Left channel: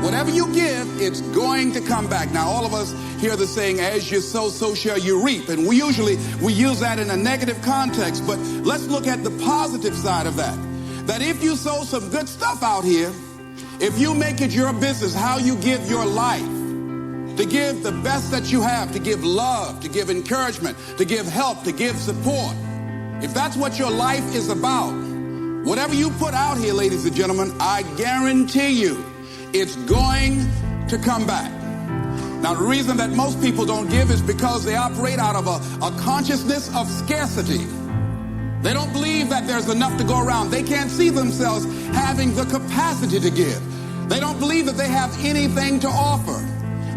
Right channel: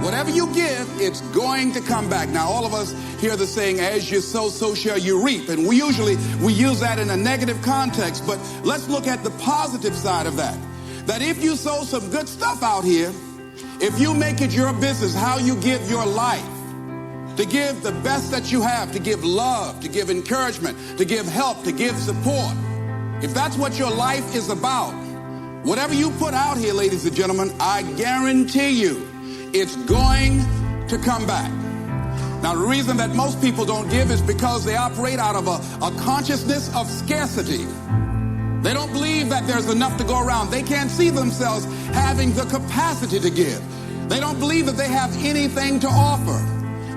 Whatever you give, it's going to come back. Now, all of us hear the saying, as you sow, so shall you reap. And we use that in a negative context. But let's look at the positive side of that. That if you sow some good stuff out here, if you make it your business, how you give your life, to give the best that you have, to give love, to give encouragement, to give help, to give support. If that's what your life is about, whatever you put out here, ladies and gentlemen, I guarantee you, it's going to come back. Now, the reason that most people don't give is because they operate out of a consciousness of scarcity. They don't believe that there's enough to go around. They can't see themselves having the capacity to give. They don't believe that they have anything to offer.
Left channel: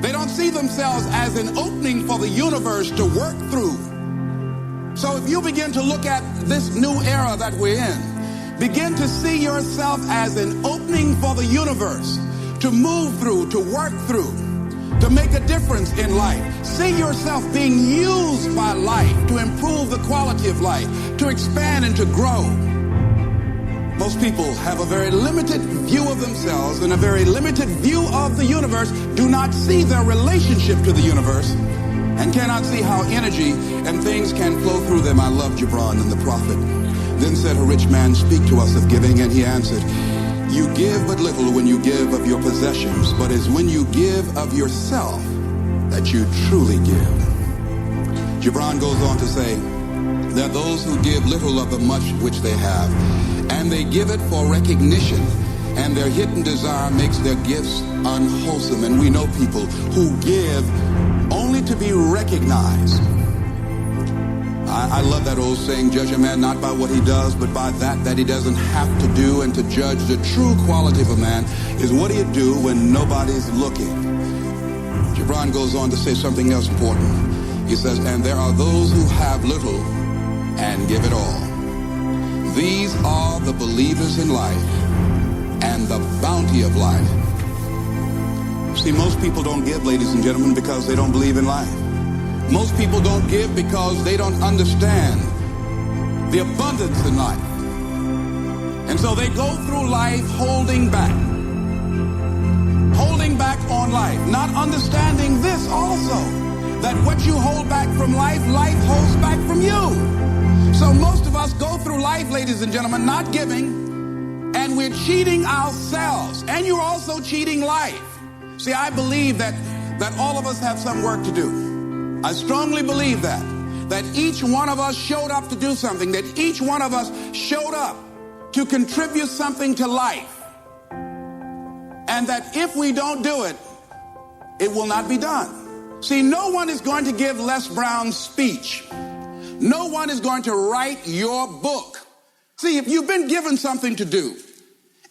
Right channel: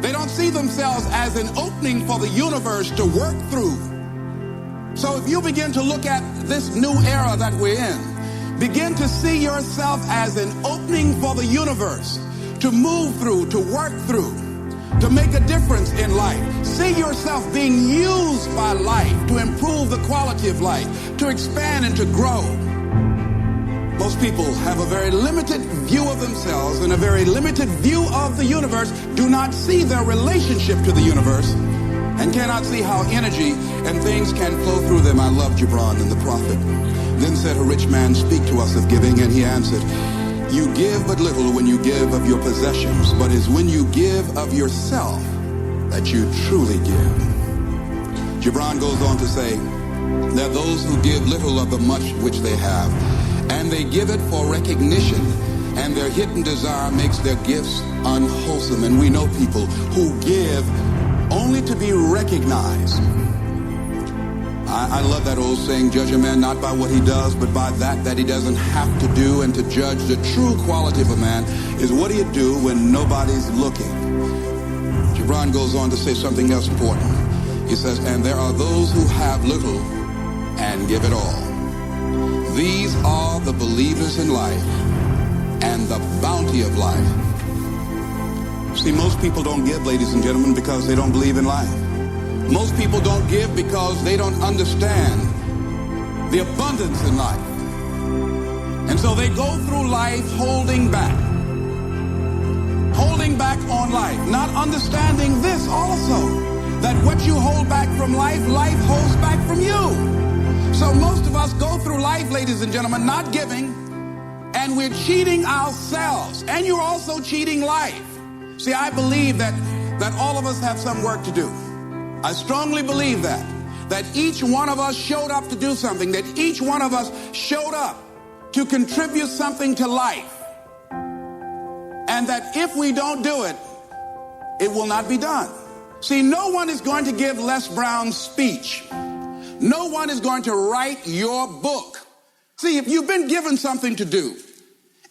They don't see themselves as an opening for the universe to work through. So if you begin to look at this new era that we're in, begin to see yourself as an opening for the universe to move through, to work through, to make a difference in life. See yourself being used by life to improve the quality of life, to expand and to grow. Most people have a very limited view of themselves and a very limited view of the universe, do not see their relationship to the universe, and cannot see how energy and things can flow through them. I love Gibran and the prophet. Then said a rich man, speak to us of giving, and he answered, you give but little when you give of your possessions, but it's when you give of yourself that you truly give. Gibran goes on to say, there are those who give little of the much which they have, and they give it for recognition, and their hidden desire makes their gifts unwholesome. And we know people who give only to be recognized. I love that old saying, judge a man not by what he does, but by that he doesn't have to do. And to judge the true quality of a man is what he'd do when nobody's looking. Gibran goes on to say something else important. He says, and there are those who have little and give it all. These are the believers in life and the bounty of life. See, most people don't give, ladies and gentlemen, because they don't believe in life. Most people don't give because they don't understand the abundance in life. And so they go through life holding back on life, not understanding this also, that what you hold back from life, life holds back from you. So most of us go through life, ladies and gentlemen, not giving, and we're cheating ourselves, and you're also cheating life. See, I believe that all of us have some work to do. I strongly believe that each one of us showed up to do something, that each one of us showed up to contribute something to life, and that if we don't do it, it will not be done. See, no one is going to give Les Brown's speech. No one is going to write your book. See, if you've been given something to do,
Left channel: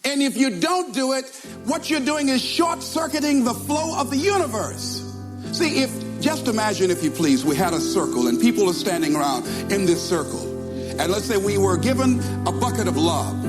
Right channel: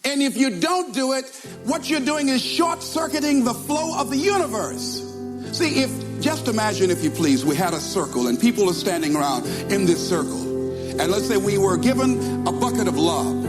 and if you don't do it, what you're doing is short-circuiting the flow of the universe. See, just imagine, if you please, we had a circle and people are standing around in this circle. And let's say we were given a bucket of love.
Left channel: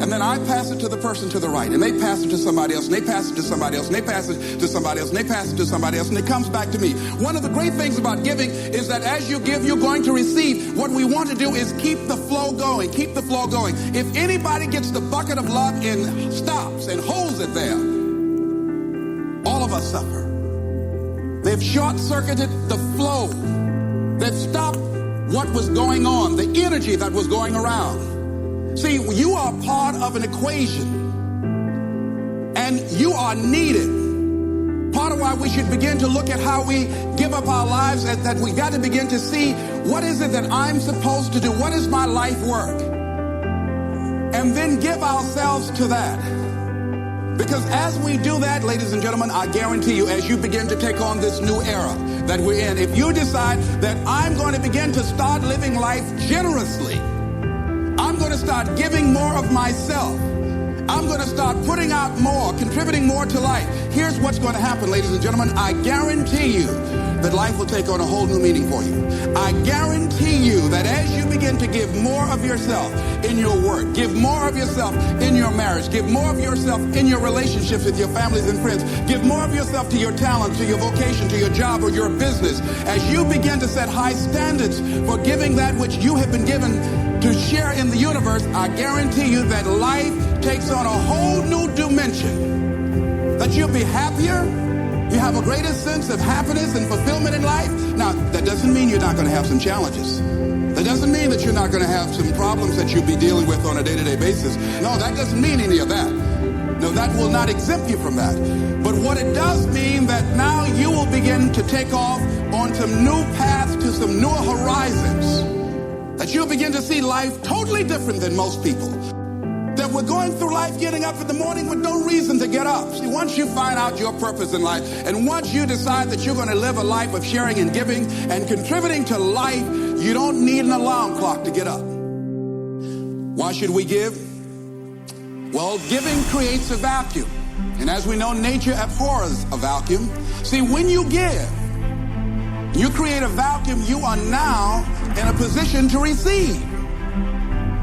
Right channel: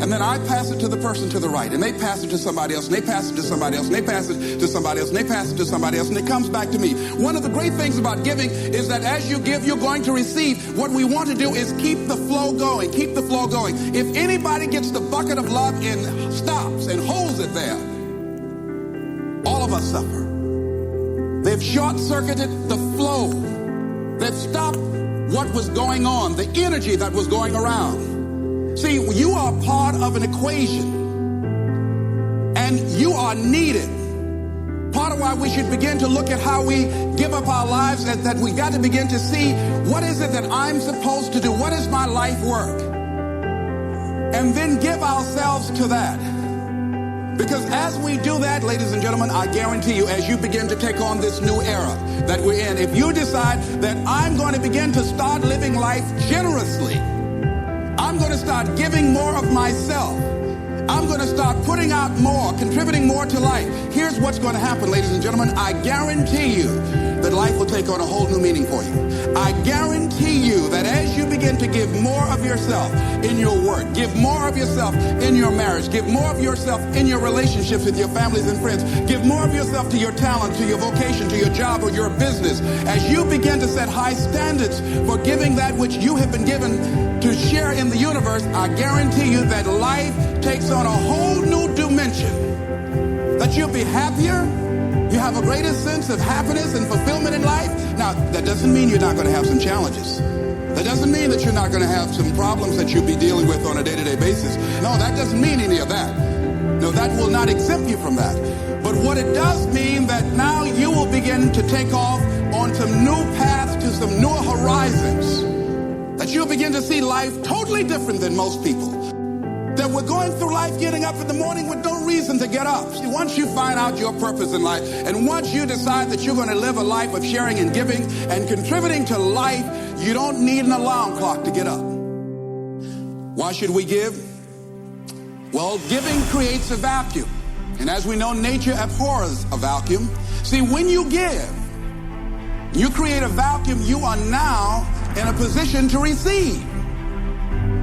And then I pass it to the person to the right, and they pass it to somebody else, and they pass it to somebody else, and they pass it to somebody else, and they pass it to somebody else, and it comes back to me. One of the great things about giving is that as you give, you're going to receive. What we want to do is keep the flow going, keep the flow going. If anybody gets the bucket of love and stops and holds it there, all of us suffer. They've short-circuited the flow. They've stopped what was going on, the energy that was going around. See, you are part of an equation, and you are needed. Part of why we should begin to look at how we give up our lives is that we got to begin to see, what is it that I'm supposed to do? What is my life work? And then give ourselves to that. Because as we do that, ladies and gentlemen, I guarantee you, as you begin to take on this new era that we're in, if you decide that I'm going to begin to start living life generously, I'm going to start giving more of myself, I'm going to start putting out more, contributing more to life, here's what's going to happen, ladies and gentlemen. I guarantee you that life will take on a whole new meaning for you. I guarantee you that as you begin to give more of yourself in your work, give more of yourself in your marriage, give more of yourself in your relationships with your families and friends, give more of yourself to your talent, to your vocation, to your job or your business, as you begin to set high standards for giving that which you have been given to share in the universe, I guarantee you that life takes on a whole new dimension. that you'll be happier, you have a greater sense of happiness and fulfillment in life. Now, that doesn't mean you're not going to have some challenges. That doesn't mean that you're not going to have some problems that you'll be dealing with on a day-to-day basis. No, that doesn't mean any of that. No, that will not exempt you from that. But what it does mean that now you will begin to take off on some new paths to some newer horizons. That you'll begin to see life totally different than most people. That we're going through life getting up in the morning with no reason to get up. See, once you find out your purpose in life, and once you decide that you're going to live a life of sharing and giving and contributing to life, you don't need an alarm clock to get up. Why should we give? Well, giving creates a vacuum. And as we know, nature abhors a vacuum. See, when you give, you create a vacuum. You are now in a position to receive.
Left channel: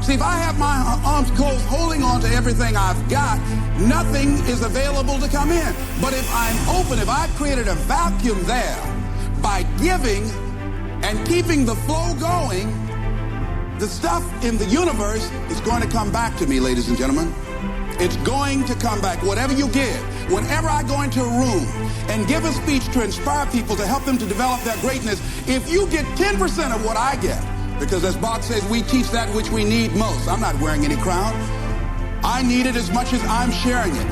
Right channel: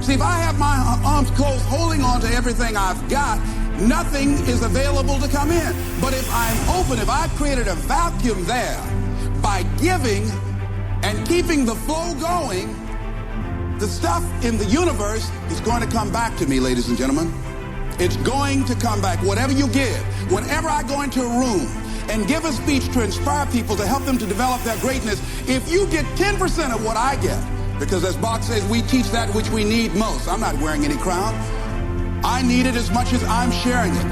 See, if I have my arms closed holding on to everything I've got, nothing is available to come in. But if I'm open, if I've created a vacuum there by giving and keeping the flow going, the stuff in the universe is going to come back to me, ladies and gentlemen. It's going to come back. Whatever you give, whenever I go into a room and give a speech to inspire people, to help them to develop their greatness, if you get 10% of what I get, because as Bach says, we teach that which we need most. I'm not wearing any crown. I need it as much as I'm sharing it.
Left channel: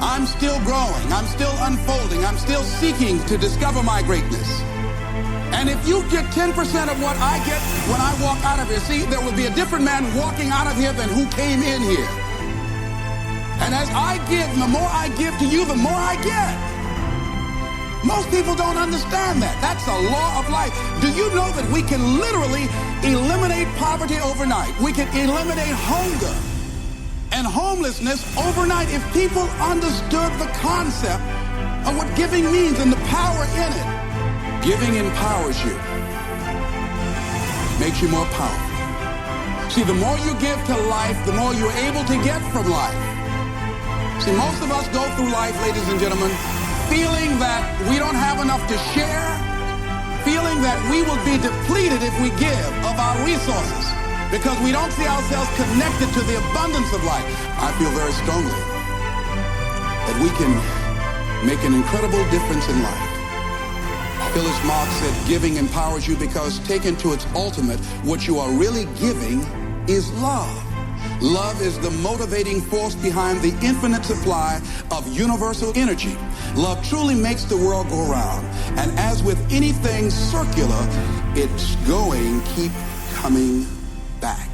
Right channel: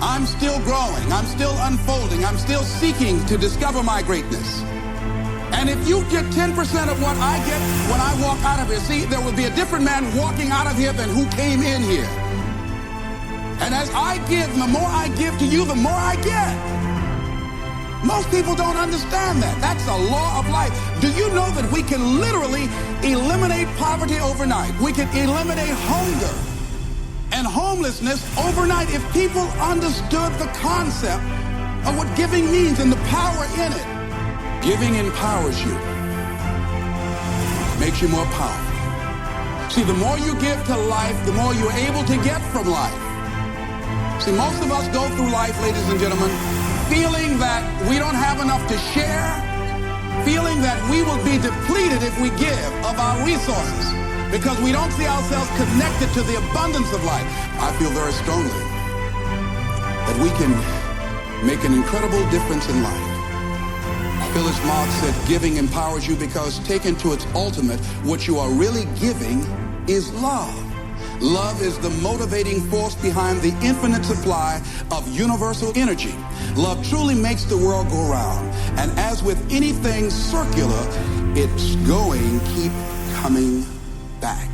I'm still growing. I'm still unfolding. I'm still seeking to discover my greatness. And if you get 10% of what I get when I walk out of here, see, there will be a different man walking out of here than who came in here. And as I give, the more I give to you, the more I get. Most people don't understand that. That's a law of life. Do you know that we can literally eliminate poverty overnight? We can eliminate hunger and homelessness overnight if people understood the concept of what giving means and the power in it. Giving empowers you. It makes you more powerful. See, the more you give to life, the more you're able to get from life. See, most of us go through life, ladies and gentlemen, feeling that we don't have enough to share, feeling that we will be depleted if we give of our resources because we don't see ourselves connected to the abundance of life. I feel very strongly that we can make an incredible difference in life. Phyllis Marx said, giving empowers you because taken to its ultimate, what you are really giving is love. Love is the motivating force behind the infinite supply of universal energy. Love truly makes the world go round. And as with anything circular, it's going, keep coming back.